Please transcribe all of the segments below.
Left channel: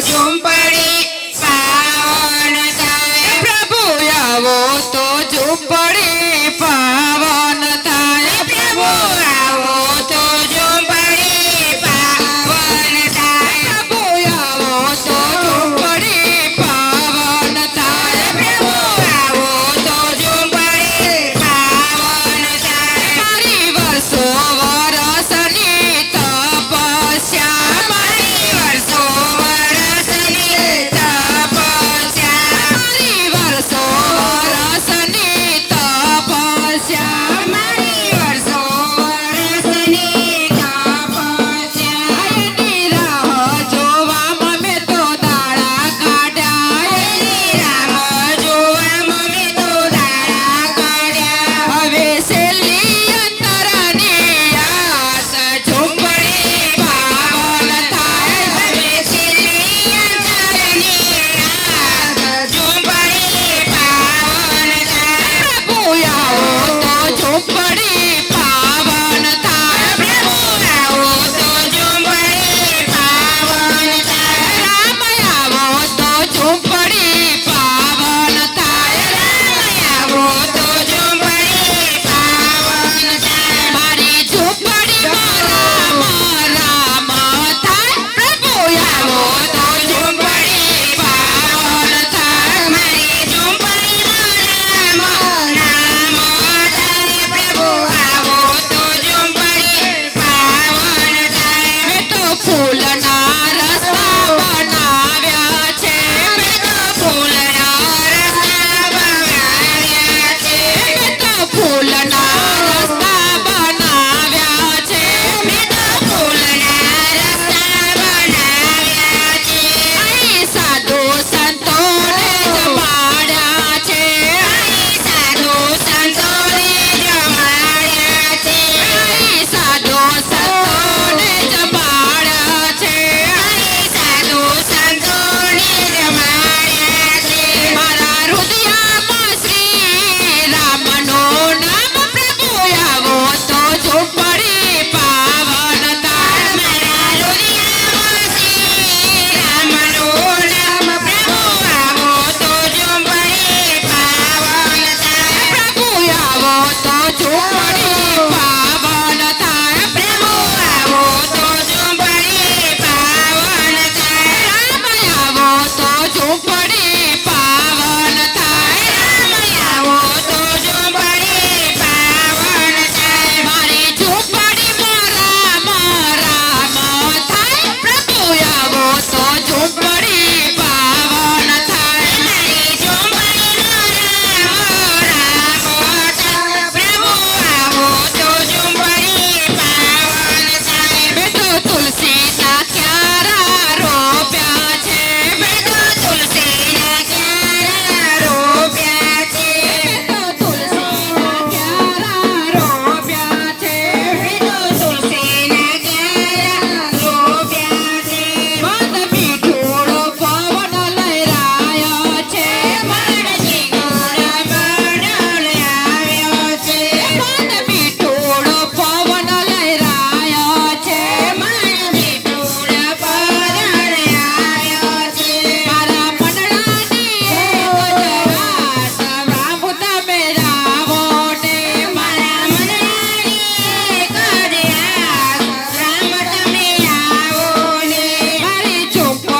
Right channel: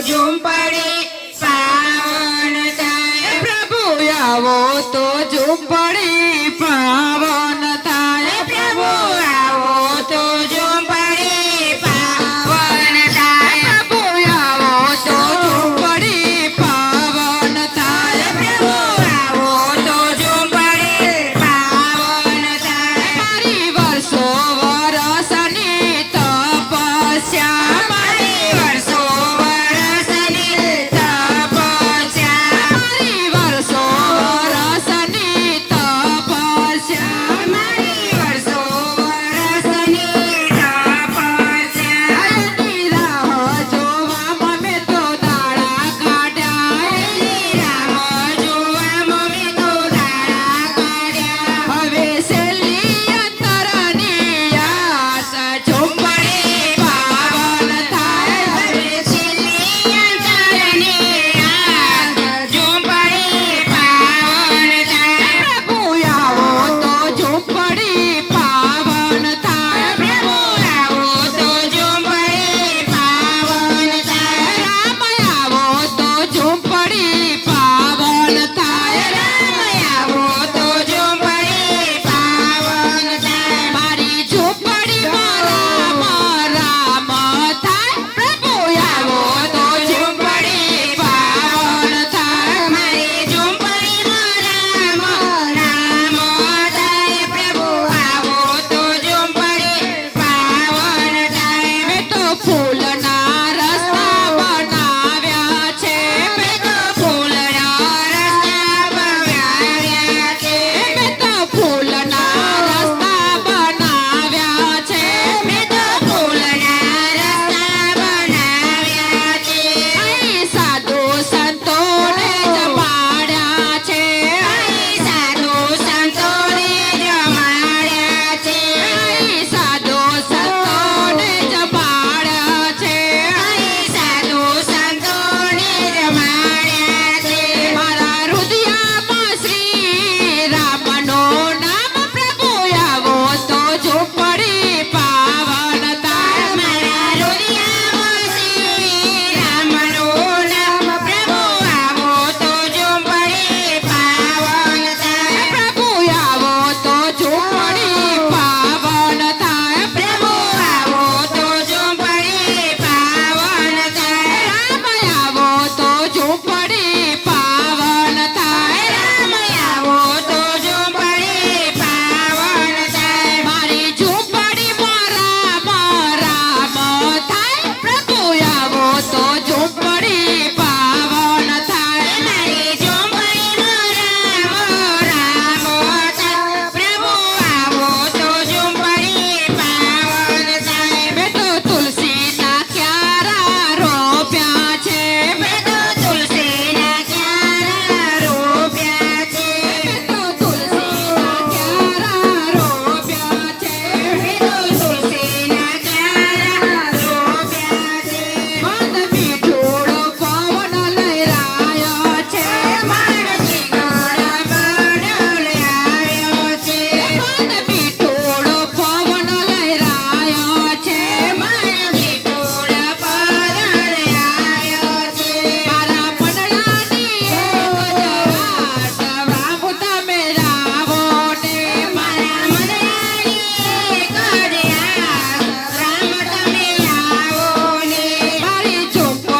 ઝૂંપડી પાવન થાય પ્રભુ આવો તો ઝૂંપડી પાવન થાય પ્રભુ આવો તો ઝૂંપડી પાવન થાય પ્રભુ આવો તો ઝૂંપડી પાવન થાય પ્રભુ આવો તો ઝૂંપડી પાવન થાય મારી વર્ષો વરસની તપસ્યા મારી વર્ષો વરસની તપસ્યા મારી વર્ષો વરસની તપસ્યા મારી વર્ષો વરસની તપસ્યા એની રાહ જોવામાં મેં તો દાડા કાઢ્યા એની રાહ જોવામાં મેં તો દાડા કાઢ્યા હવે છેલ્લી અંતરની આસ ઝૂંપડી પાવન થાય હવે છેલ્લી અંતરની આસ ઝૂંપડી પાવન થાય પ્રભુ આવો તો ઝૂંપડી પાવન થાય પ્રભુ આવો તો ઝૂંપડી પાવન થાય રામ આવો તો ઝૂંપડી પાવન થાય રામ આવો તો ઝૂંપડી પાવન થાય મારી ઝૂંપડીમાં રામ રામ થાય પ્રભુ આવો તો ઝૂંપડી પાવન થાય મારી ઝૂંપડીમાં રામ રામ થાય પ્રભુ આવો તો ઝૂંપડી પાવન થાય મેં તો ફૂલના રસ્તા બનાવ્યા છે મેં તો ફૂલના રસ્તા બનાવ્યા છે મેં તો ફૂલના રસ્તા બનાવ્યા છે મેં તો ફૂલના રસ્તા બનાવ્યા છે અહીં સાધુ સંતોને જમાડ્યા છે અહીં સાધુ સંતોને જમાડ્યા છે અહીં સાધુ સંતોને જમાડ્યા છે અહીં સાધુ સંતોને જમાડ્યા છે મારા હૃદયમાં શ્રી રામનું નામ પ્રભુ આવો તો ઝૂંપડી પાવન થાય મારા હૃદયમાં શ્રી રામનું નામ પ્રભુ આવો તો ઝૂંપડી પાવન થાય પ્રભુ આવો તો ઝૂંપડી પાવન થાય પ્રભુ આવો તો ઝૂંપડી પાવન થાય રામ આવો તો ઝૂંપડી પાવન થાય રામ આવો તો ઝૂંપડી પાવન થાય મારી ઝૂંપડીમાં રામ રામ થાય પ્રભુ આવો તો ઝૂંપડી પાવન થાય મારી ઝૂંપડીમાં રામ રામ થાય પ્રભુ આવો તો ઝૂંપડી પાવન થાય મેં તો તુલસીના ક્યારા રોપ્યા છે મેં તો તુલસીના ક્યારા રોપ્યા છે મેં તો તુલસીના ક્યારા રોપ્યા છે મેં તો તુલસીના ક્યારા રોપ્યા છે મન મીઠોડો પવન લહેરાયો છે મન મીઠોડો પવન લહેરાયો છે મન મીઠોડો પવન લહેરાયો છે મન મીઠોડો પવન લહેરાયો છે મારા મનડાની એક જરા સવરાવું તમે રાવો ને મારા મનડાની એક જરા રામ તમે આવો ને મારી ઝૂંપડી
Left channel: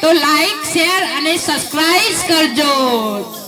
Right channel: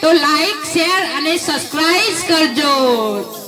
તો લાઈક શેર અને સબસ્ક્રાઇબ કરજો.